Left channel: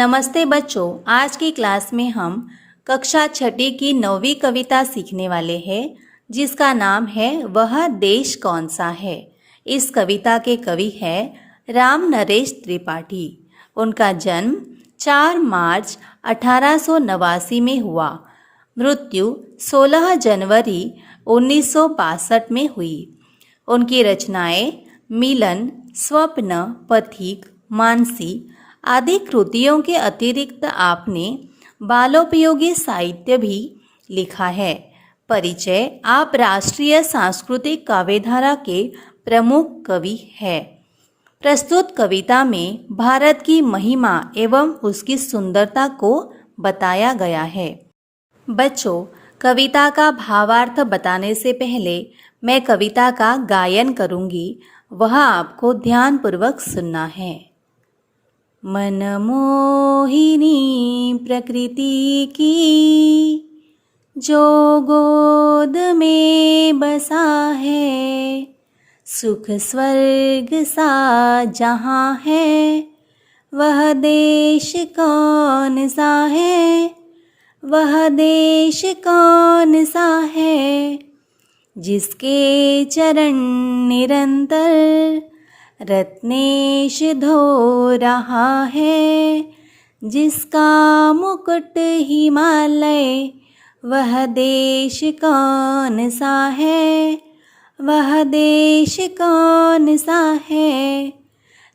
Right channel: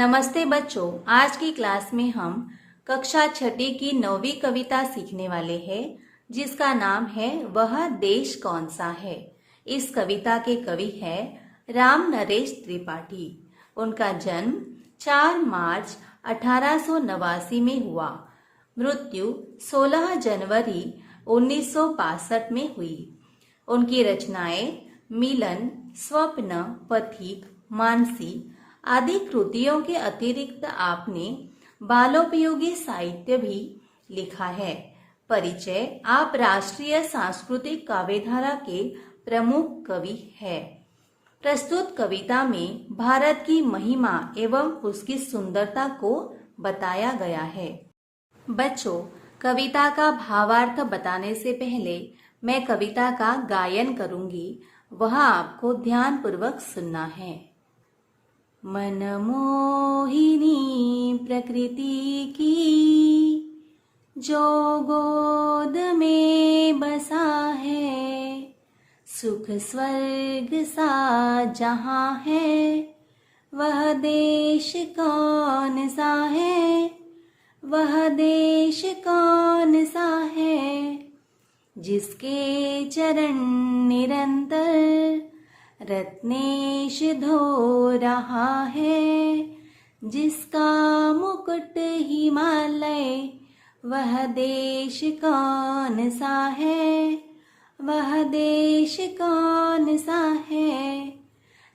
नमस्ते बच्चों, आज की क्लास में हम कक्षा छठी की 9वीं कविता सीखने वाले हैं जिसका नाम है वह देश कौन सा है। इस कविता के कवि हैं राम नरेश त्रिपाठी। उनका जन्म 4 मार्च 1889 में हुआ। मृत्यु 16 जनवरी 1962 में हुई। उनकी रचनाएं मिलन, स्वप्न, पथिक, मानसी आदि कृतियों के अतिरिक्त आपने बालोपयोगी साहित्य भी लिखा है। परिचय: आप राष्ट्रीय सांस्कृतिक काव्यधारा के प्रमुख कवि हैं। प्रस्तुत कविता में भारत की महिमा एवं उसकी सुंदरता को बताया गया है। बच्चों, कविता का भावार्थ बताने से पहले मैं कविता का गायन करूंगी, वह आपको ध्यानपूर्वक सुनना है। मनमोहिनी प्रकृति की जो गोद में बसा है, सुख स्वर्ग सा जहाँ है, वह देश कौन सा है, वह देश कौन सा है, जिसके चरण निरंतर रत्नेश धो रहा है, जिसका मुकुट हिमालय, वह देश कौन सा है, वह देश कौन सा है।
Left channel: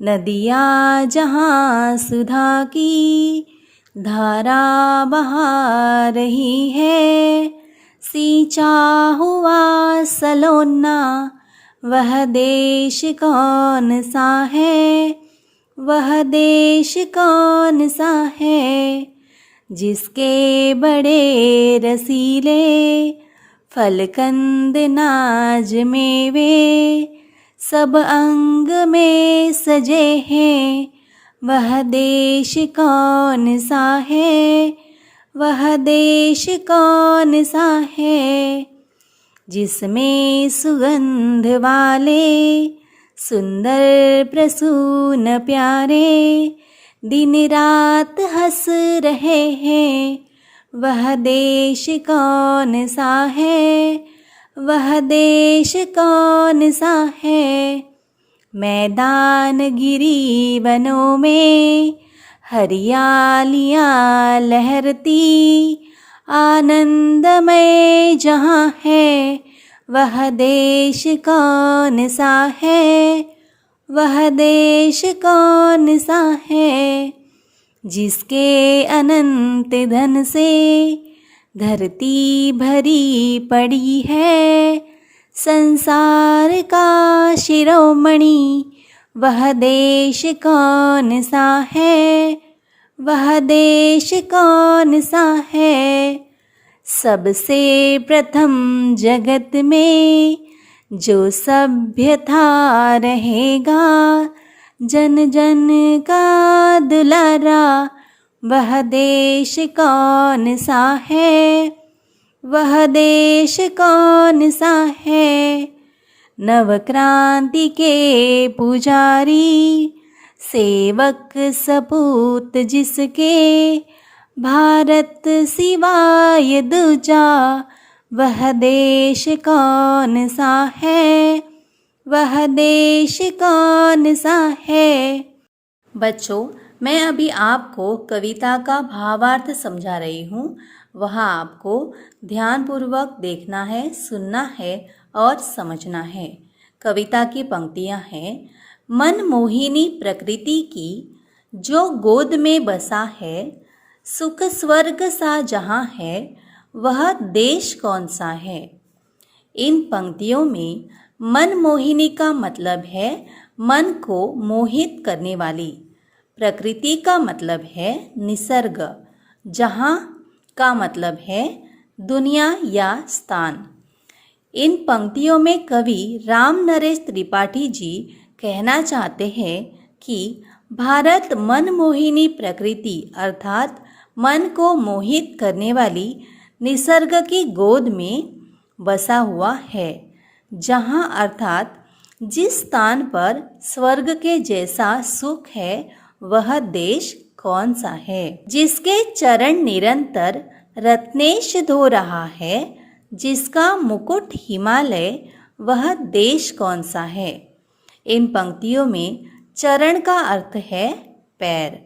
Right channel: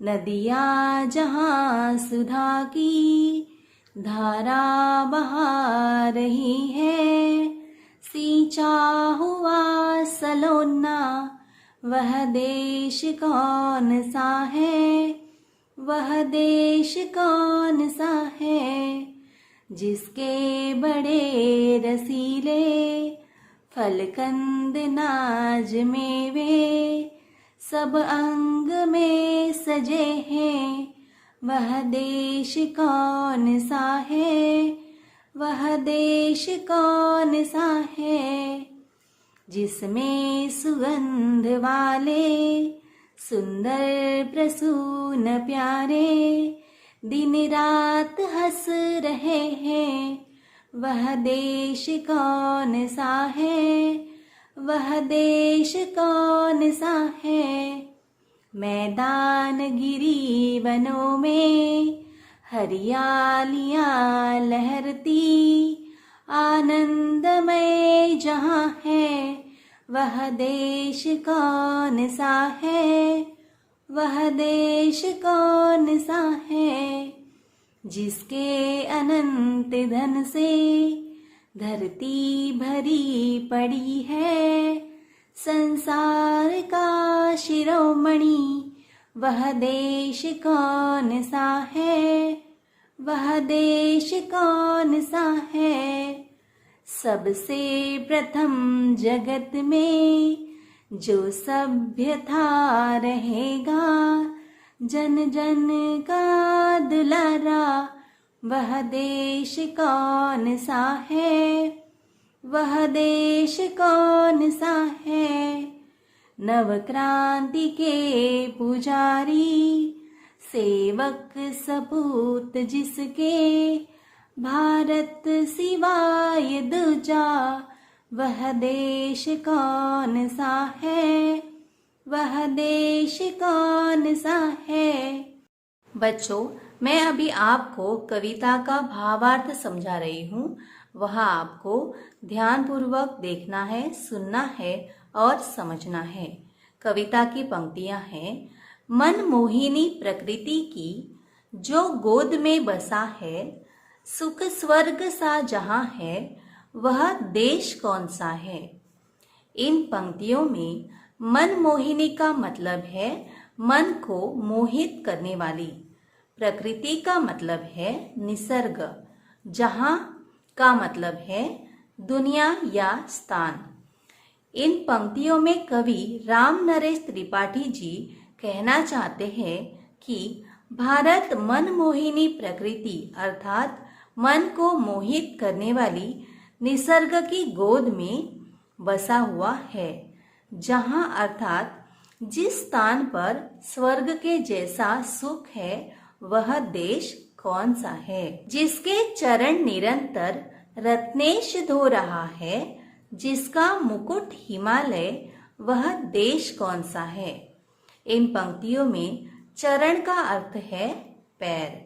नदियाँ जहाँ सुधा की धारा बहा रही है, सींचा हुआ सलोना, वह देश कौन सा है, वह देश कौन सा है, जिसके बड़े रसीले फलकंद नाज मेवे सब अंग में सजे हैं, वह देश कौन सा है, वह देश कौन सा है, जिसमें सुगंध वाले सुंदर प्रसून प्यारे दिन रात हंस रहे हैं, वह देश कौन सा है, वह देश कौन सा है। मैदान गिरी वनों में हरियालियाँ लहरती, आनंदमय जहाँ है, वह देश कौन सा है, वह देश कौन सा है, जिसके अनंत धन से धरती भरी पड़ी है, संसार का शिरोमणि, वह देश कौन सा है, वह देश कौन सा है। सबसे प्रथम जगत में जो सभ्य था रहेगा, जन जन का दुलारा, वह देश कौन सा है, वह देश कौन सा है। नवक्रांति के पुजारी, सेवक सपूत जिसके, भारत सिवाय दूजा, वह देश कौन सा है, वह देश कौन सा है। बच्चों, मैं अभी आपको कविता का भावार्थ समझा रही हूँ, वह आपको ध्यानपूर्वक देखना है, सुनना है और समझना है। कविता की पंक्तियाँ हैं: मनमोहिनी प्रकृति की जो गोद में बसा है, सुख स्वर्ग सा जहाँ है, वह देश कौन सा है। इन पंक्तियों में मनमोहिनी का मतलब है मन को मोहित करने वाली, प्रकृति का मतलब है निसर्ग, जहाँ का मतलब है दुनिया या स्थान। इन पंक्तियों में कवि राम नरेश त्रिपाठी जी कहना चाहते हैं कि भारत मनमोहिनी प्रकृति अर्थात मन को मोहित करने वाली निसर्ग की गोद में बसा हुआ है, जहाँ अर्थात जिस स्थान पर स्वर्ग के जैसा सुख है, वह देश कौन सा है? जिसके चरण निरंतर रत्नेश धो रहा है, जिसका मुकुट हिमालय, वह देश कौन सा है? इन पंक्तियों में चरण का अर्थ है पैर।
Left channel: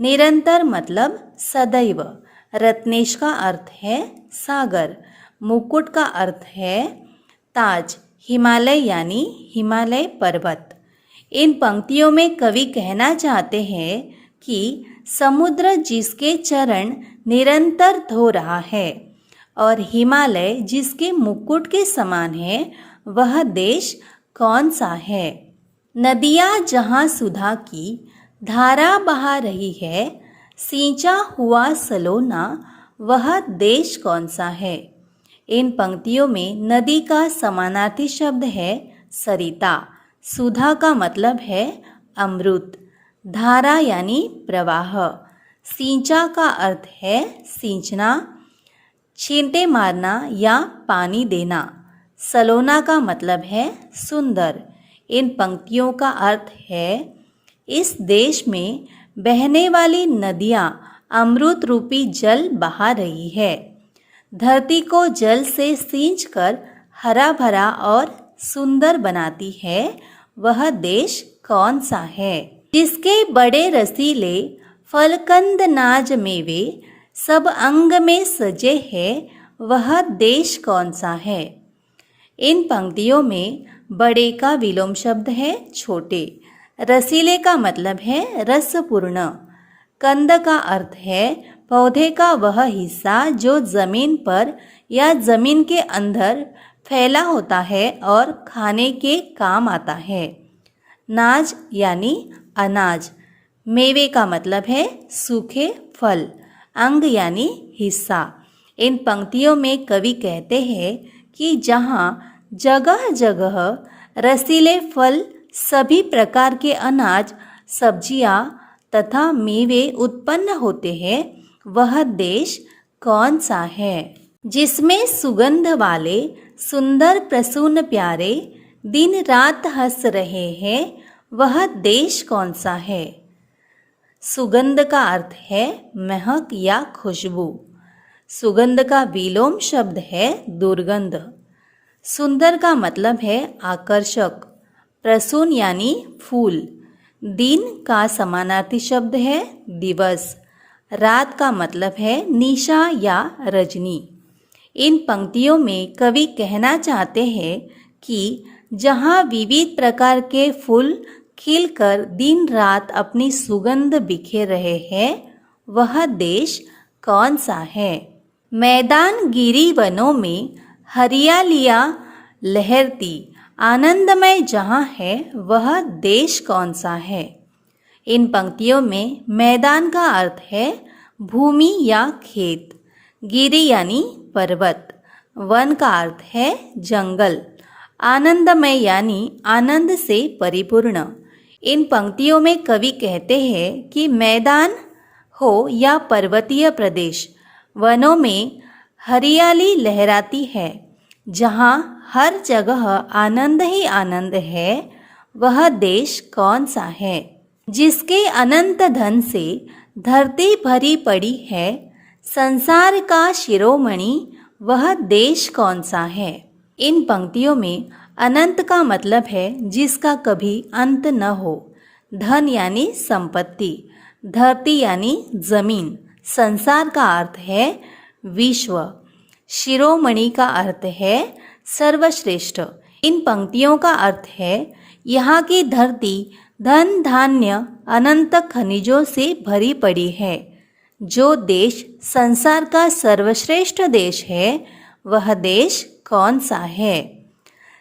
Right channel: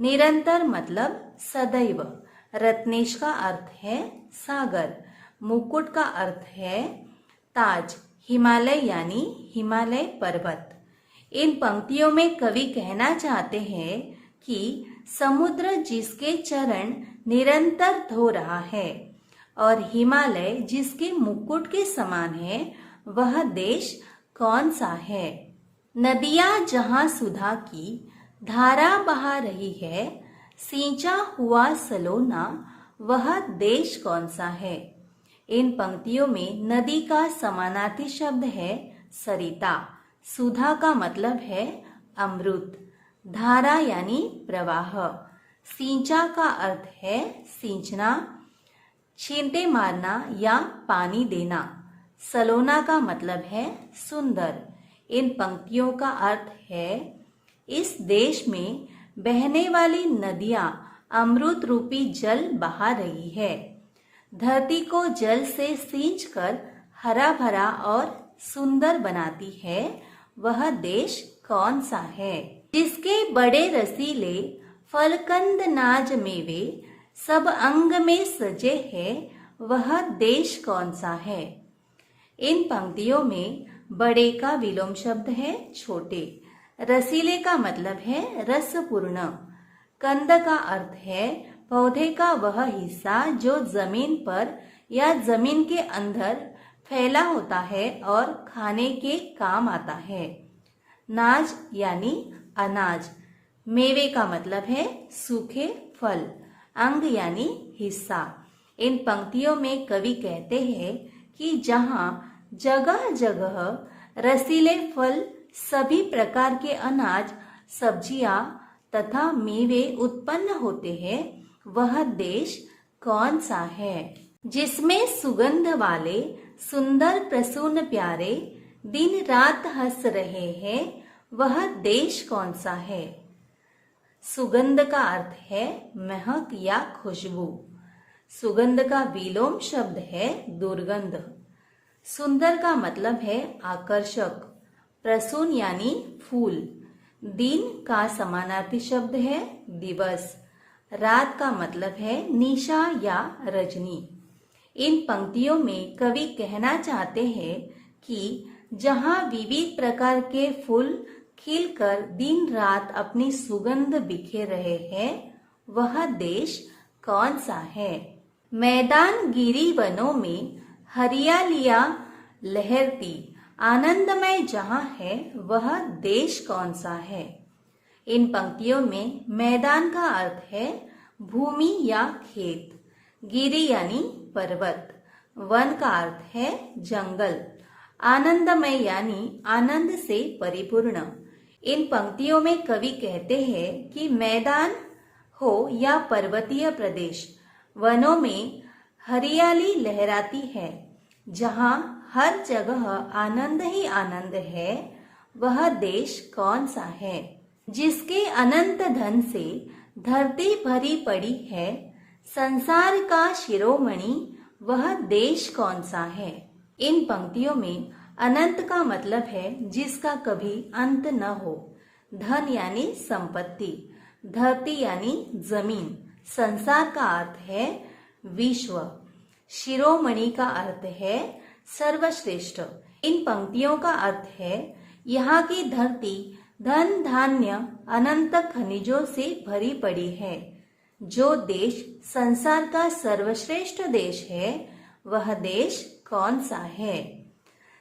निरंतर मतलब सदैव। रत्नेश का अर्थ है सागर। मुकुट का अर्थ है ताज। हिमालय यानी हिमालय पर्वत। इन पंक्तियों में कवि कहना चाहते हैं कि समुद्र जिसके चरण निरंतर धो रहा है और हिमालय जिसके मुकुट के समान है, वह देश कौन सा है? नदियाँ जहाँ सुधा की धारा बहा रही है, सींचा हुआ सलोना, वह देश कौन सा है? इन पंक्तियों में नदी का समानार्थी शब्द है सरिता। सुधा का मतलब है अमृत। धारा यानी प्रवाह। सींचा का अर्थ है सींचना, छींटे मारना या पानी देना। सलोना का मतलब है सुंदर। इन पंक्तियों का अर्थ है इस देश में बहने वाली नदियाँ अमृत रूपी जल बहा रही है। धरती को जल से सींचकर हरा भरा और सुंदर बनाती है, वह देश कौन सा है? जिसके बड़े रसीले फलकंद नाज मेवे सब अंग में सजे हैं, वह देश कौन सा है? इन पंक्तियों में बड़े का विलोम शब्द है छोटे। रसीले का मतलब है रसपूर्ण। कंद का अर्थ है पौधे का वह हिस्सा जो जमीन पर या जमीन के अंदर फैला होता है और खाने के काम आता है। नाज यानी अनाज। मेवे का मतलब है सूखे फल। अंग यानी हिस्सा। इन पंक्तियों में कवि कहते हैं कि जहाँ जगह जगह रसीले फल, सभी प्रकार के अनाज, सब्जियाँ तथा मेवे उत्पन्न होते हैं, वह देश कौन सा है? जिसमें सुगंध वाले सुंदर प्रसून प्यारे दिन रात हंस रहे हैं, वह देश कौन सा है? सुगंध का अर्थ है महक या खुशबू। सुगंध का विलोम शब्द है दुर्गंध। सुंदर का मतलब है आकर्षक। प्रसून यानी फूल। दिन का समानार्थी शब्द है दिवस। रात का मतलब है निशा या रजनी। इन पंक्तियों में कवि कहना चाहते हैं कि जहाँ विविध प्रकार के फूल खिलकर दिन रात अपनी सुगंध बिखेर रहे हैं, वह देश कौन सा है? मैदान गिरी वनों में हरियालियाँ लहरती आनंदमय जहाँ है, वह देश कौन सा है? इन पंक्तियों में मैदान का अर्थ है भूमि या खेत। गिरी यानी पर्वत। वन का अर्थ है जंगल। आनंदमय यानी आनंद से परिपूर्ण। इन पंक्तियों में कवि कहते हैं कि मैदान हो या पर्वतीय प्रदेश, वनों में हरियाली लहराती है। जहाँ हर जगह आनंद ही आनंद है, वह देश कौन सा है? जिसके अनंत धन से धरती भरी पड़ी है, संसार का शिरोमणि, वह देश कौन सा है? इन पंक्तियों में अनंत का मतलब है जिसका कभी अंत न हो। धन यानी संपत्ति। धरती यानी जमीन। संसार का अर्थ है विश्व। शिरोमणि का अर्थ है सर्वश्रेष्ठ। इन पंक्तियों का अर्थ है यहाँ की धरती धन धान्य अनंत खनिजों से भरी पड़ी है। जो देश संसार का सर्वश्रेष्ठ देश है, वह देश कौन सा है?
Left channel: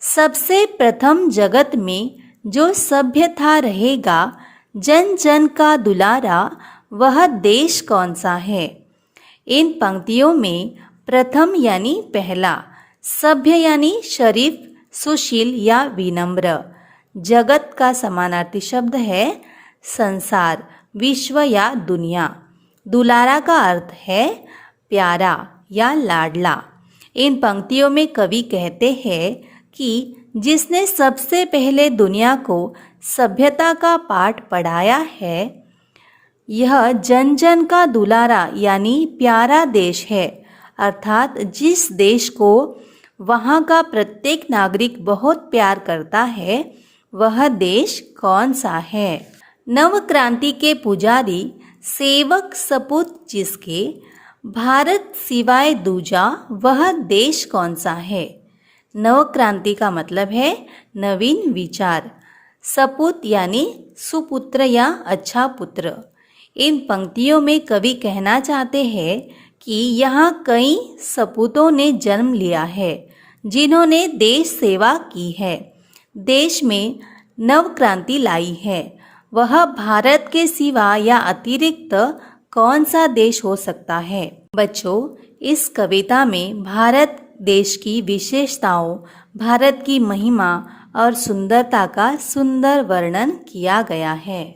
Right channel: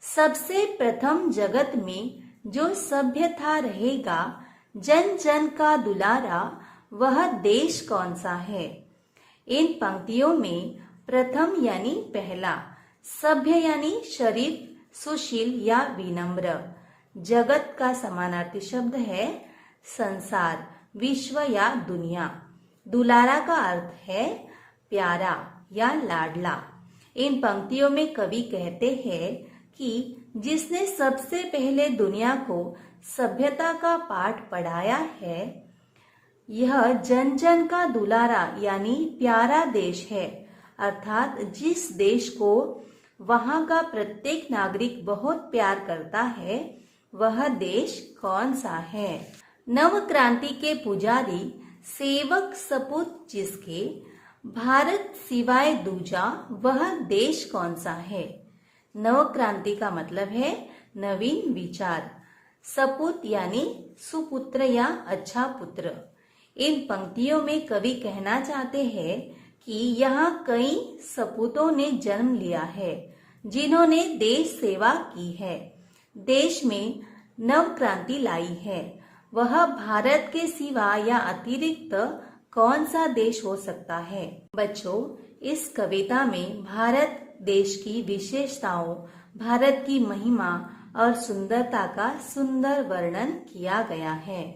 सबसे प्रथम जगत में जो सभ्य था रहेगा, जन जन का दुलारा, वह देश कौन सा है? इन पंक्तियों में प्रथम यानी पहला, सभ्य यानी शरीफ, सुशील या विनम्र। जगत का समानार्थी शब्द है संसार, विश्व या दुनिया। दुलारा का अर्थ है प्यारा या लाडला। इन पंक्तियों में कवि कहते हैं कि जिसने सबसे पहले दुनिया को सभ्यता का पाठ पढ़ाया है, यह जन जन का दुलारा यानी प्यारा देश है, अर्थात जिस देश को वहाँ का प्रत्येक नागरिक बहुत प्यार करता है, वह देश कौन सा है? नव क्रांति के पुजारी सेवक सपूत जिसके, भारत सिवाय दूजा वह देश कौन सा है? नव क्रांति का मतलब है नवीन विचार। सपूत यानी सुपुत्र या अच्छा पुत्र। इन पंक्तियों में कवि कहना चाहते हैं कि यहाँ कई सपूतों ने जन्म लिया है जिन्होंने देश सेवा की है, देश में नव क्रांति लाई है। वह भारत के सिवा या अतिरिक्त कौन सा देश हो सकता है? बच्चों, इस कविता में भारत देश की विशेषताओं, भारत की महिमा और सुंदरता का सुंदर वर्णन किया गया है।